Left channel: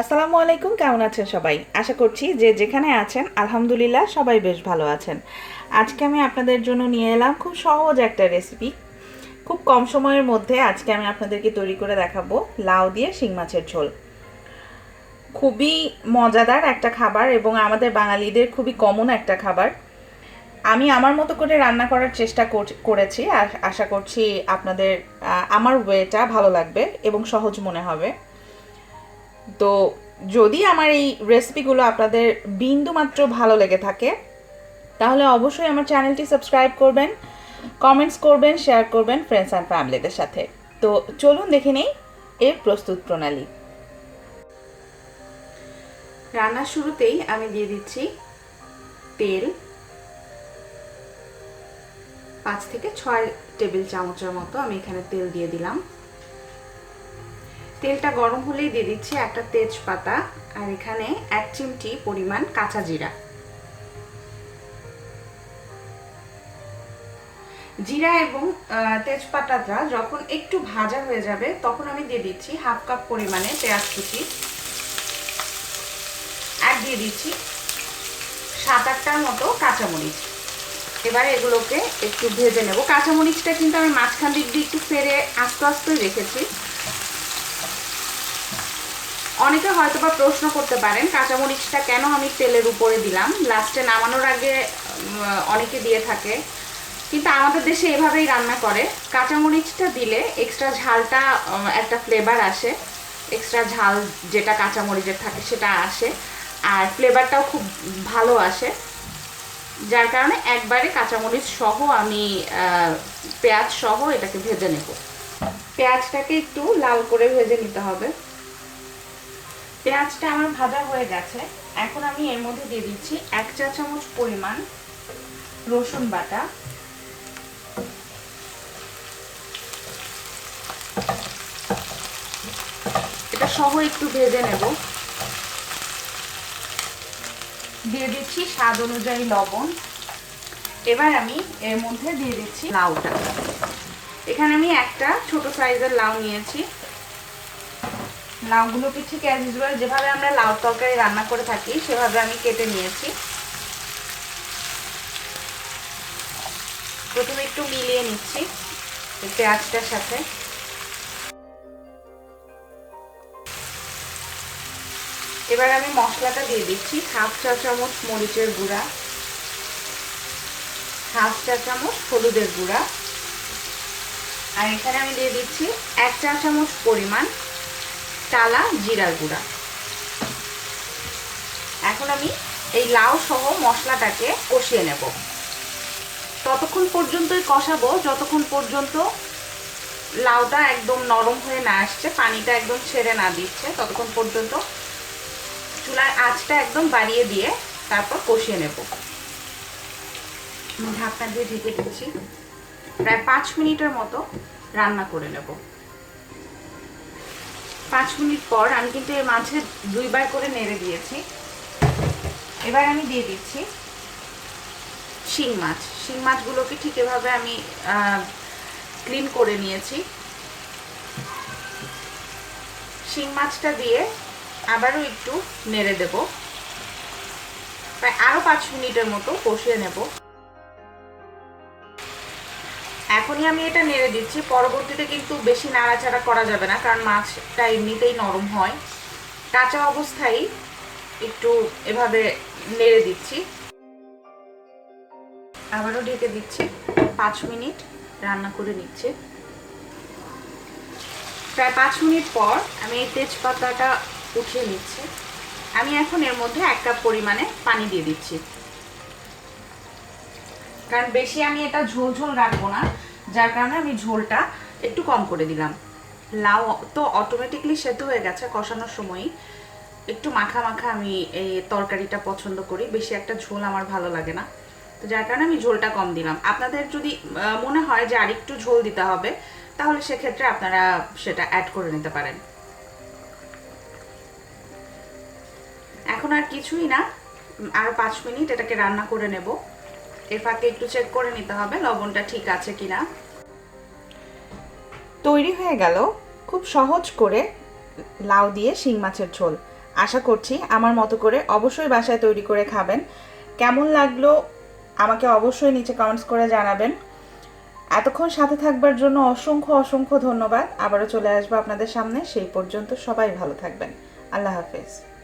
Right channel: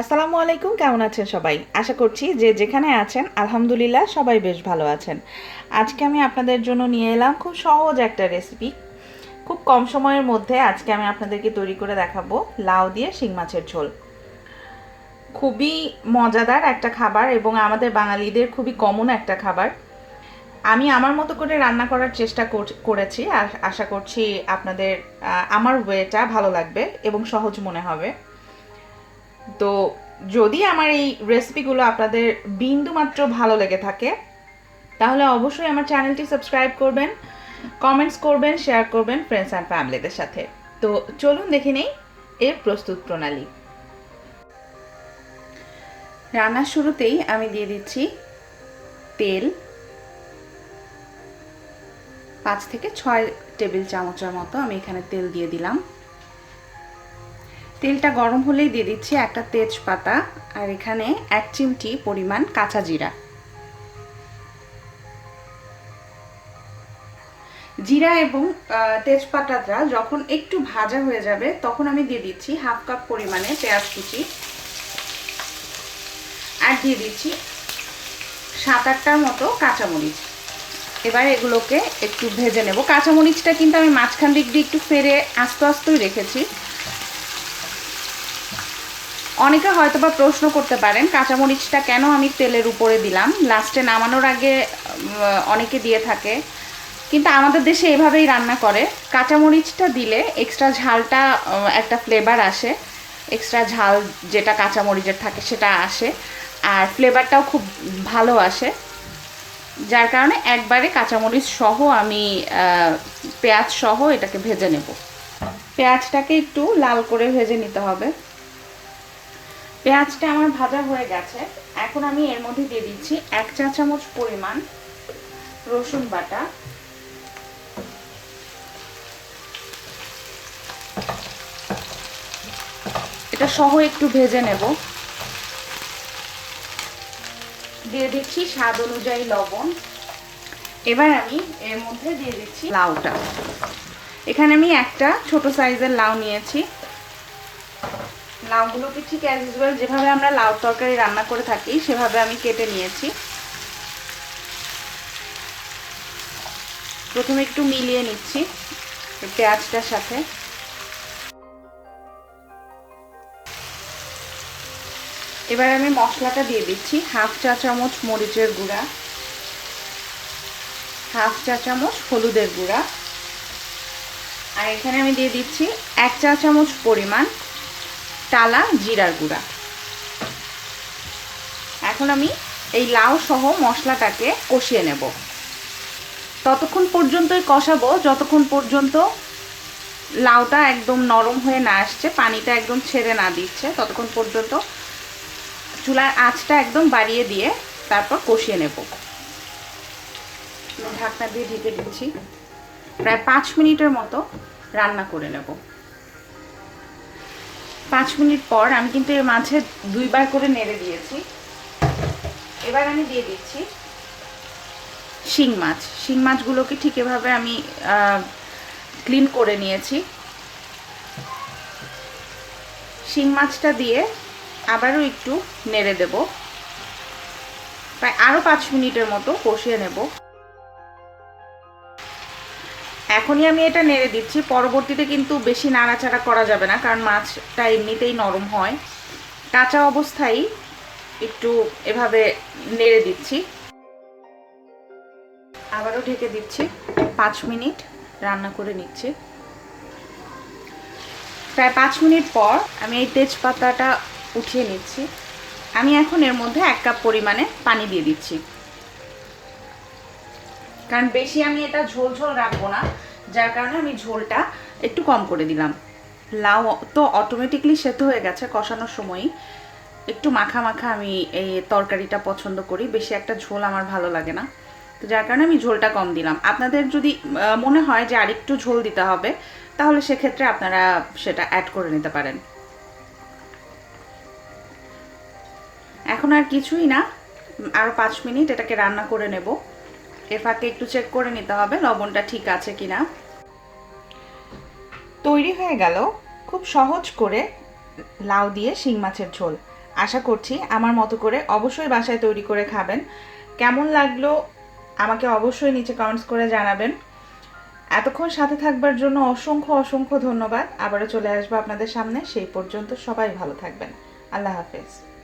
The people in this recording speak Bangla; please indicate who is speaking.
Speaker 1: আসসালামু আলাইকুম কেমন আছেন সবাই? আশা করছি যে যেখানে আছেন, আলহামদুলিল্লাহ সবাই বেশ ভালো আছেন। আজকে আমি আপনাদের জন্য নিয়ে এলাম খুব সহজ একটা রেসিপি খুব কম সময়ের মধ্যে আজকে আমি আপনাদেরকে তৈরি করে দেখাবো লাউ দিয়ে শিং মাছের ঝোল। খুবই মজাদার একটা খাবার এবং আমাদের বাঙালিদের খুবই কমন একটা খাবার। আমি আমার মতো করে রান্না করার চেষ্টা করেছি আশা করছি আপনাদের আমার ওয়েটা ভালো লাগবে এবং সহজ মনে হবে। তো যদি আমার এই রেসিপিগুলো আপনাদের বিন্দু মাত্র ভালো লেগে থাকে, তাহলে অবশ্যই আমার চ্যানেলটি সাবস্ক্রাইব করবেন কমেন্টস করবেন শেয়ার করবেন ফ্রেন্ডস অ্যান্ড ফ্যামিলিদের সাথে। তো চলুন দেখে নেই এর প্রস্তুত প্রণালী। রান্নার শুরুতেই আমি দিয়ে দিচ্ছি তেল পাঁচ থেকে ছয় টেবিল চামচের মতো আমি এখানে তেল দিয়ে দিলাম। তেলটা গরম হলেই দিয়ে দিচ্ছি একটা তেজপাতা আর এখানে এক চিমটি পরিমাণ কাঁচা জিরা। জিরা এবং তেজপাতাটা যখন একটু ভাজা হয়ে যাবে তখন আমি দিয়ে দিচ্ছি হাফ কাপ পরিমাণে পেঁয়াজ কুচি। আর দিয়ে দিচ্ছি সাত আটটার মতো কাঁচামরিচ। এবার এগুলোকে একটু ভেজে নেব। কাঁচামরিচটা কিন্তু আমি মাঝখান দিক দিয়ে একটু ফেরে আস্তে আস্তেই রেখেছি। অনেকে হয়তো বা প্রশ্ন করতে পারেন কাঁচামরিচটা কেন আমি তেলের উপরে দিলাম? লাস্টে নামানোর আগে অনেকে দিয়ে থাকে। কিন্তু আমাদের দেশে এভাবেই রান্না করে। কাঁচামরিচটা দিলে এক্সট্রা ঝালটা একটা ফ্লেভার আসে। এক্সট্রা ঝাল যেটা কাঁচামরিচের থাকে সেটা আসে। আর ফ্লেভারটাও খুব ভালো আসে। যার কারণে একবারে কাঁচামরিচ সহ আমি পেঁয়াজ সহ এটাকে ভেজে নেব। পেঁয়াজটাকে একটু লাল করে ভেজে নিতে হবে। পেঁয়াজটা আমার ভাজা হয়ে গেছে। এখন আমি এর মধ্যে দিয়ে দিচ্ছি এক চা চামচ পরিমাণ রসুন বাটা। এটা সহ একটু ভেজে নেব। দিয়ে দিচ্ছি স্বাদ অনুযায়ী লবণ। এবার আমি এর মধ্যে দিয়ে দিচ্ছি লাউটা। এখানে আমি একটা ছোট সাইজের লাউ নিয়েছি। লাউগুলোকে ঠিক অ্যাজ ইউজুয়াল যেভাবে আমরা লাউ তরকারি রান্না করে থাকি, সেভাবে আমি কেটে নিয়েছি। প্রথমে একটু মিলিয়ে নিচ্ছি পেঁয়াজটার সাথে। এবার আমি মশলাটা দিয়ে দিচ্ছি, হাফ চা চামচ মরিচের গুঁড়া, হাফ চা চামচ হলুদের গুঁড়া। আর এখানে আমি দিয়ে দিচ্ছি এক চা চামচ পরিমাণ টালা জিরার গুঁড়া। এখন আমি এই লাউ সহ মশলাটাকে কষিয়ে নেব। ততক্ষণ পর্যন্তই কষাবো, যতক্ষণ পর্যন্ত লাউটা একদম নরম হয়ে না আসছে, পানিটা একদম ছেড়ে না দিচ্ছে, ততক্ষণ পর্যন্ত চুলার আঁচটা একদম বাড়িয়ে দিয়ে তারপর কষিয়ে নেব। ঢাকনা দিয়ে ঢেকে দিচ্ছি। প্রায় পাঁচ মিনিটের মতো রান্না করে নেব। পাঁচ মিনিট পর আমি কিন্তু এর মাঝে দুইবার করে নেড়ে দিয়েছি। এবার আমি দিয়ে দিচ্ছি শিং মাছ। শিং মাছগুলোকে ঠিক এভাবে আমি ক্লিন করে নিয়েছি। শিং মাছটা দিয়ে আবারও একটু নেড়ে দেব। প্রায় আরও পাঁচ মিনিটের মতো কষিয়ে নেব। এখনই আমি এটা নেড়ে দিচ্ছি। পরবর্তীতে কিন্তু বেশি নাড়াচাড়া করা যাবে না, কারণ মাছটা এমনিতেই নরম হয়। কাঁচা অবস্থায় একটু এভাবে নেড়ে দিচ্ছি। আবারও ঢেকে দিচ্ছি। পাঁচ মিনিট রান্না করে নিচ্ছি। প্রায় পাঁচ মিনিট পর আমি এই তেজপাতাটা উঠিয়ে নিচ্ছি। আমি এখন এর মধ্যে এক কাপ পরিমাণে পানি দিয়ে দিচ্ছি। কারণ বেশি আমি এটা ঝোল ঝোল রাখব না। যার কারণে আমি ঝোলটা একটু কম করে দিলাম। লাউ তো অটোমেটিকলি সেদ্ধ হয়ে গেছে কষানোর সময়ই। একটু মাখা মাখা আমি এই তরকারিটা পছন্দ করি, বেশি একটা ঝোল আমার ভালো লাগে না। তো যার কারণে আমি ঝোলটা কম দিলাম। আপনাদের যদি মনে হয় যে আরেকটু ঝোল দিতে হবে, তাহলে সেক্ষেত্রে আপনারা সেটা অ্যাড করে নিতে পারেন। এখন আর কিছুই না। আরও পাঁচ মিনিট এটাকে রান্না করে নেব। এর ফাঁকে একটু চেক করে নিতে হবে, লবণটা ঠিক আছে কিনা। তৈরি হয়ে গেল খুব সহজ করে লাউ দিয়ে শিং মাছের ঝোল। আশা করছি আমার মতো করে অবশ্যই বাসায় তৈরি করে খাবেন। কেমন লাগল আমাকে অবশ্যই নিচে কমেন্টস করে জানাবেন। এতক্ষণ সাথে থাকবার জন্য অসংখ্য অসংখ্য ধন্যবাদ। আবারও চলে আসব আপনাদের সামনে। সেই পর্যন্ত সবাই ভালো থাকবেন। আল্লাহ হাফেজ।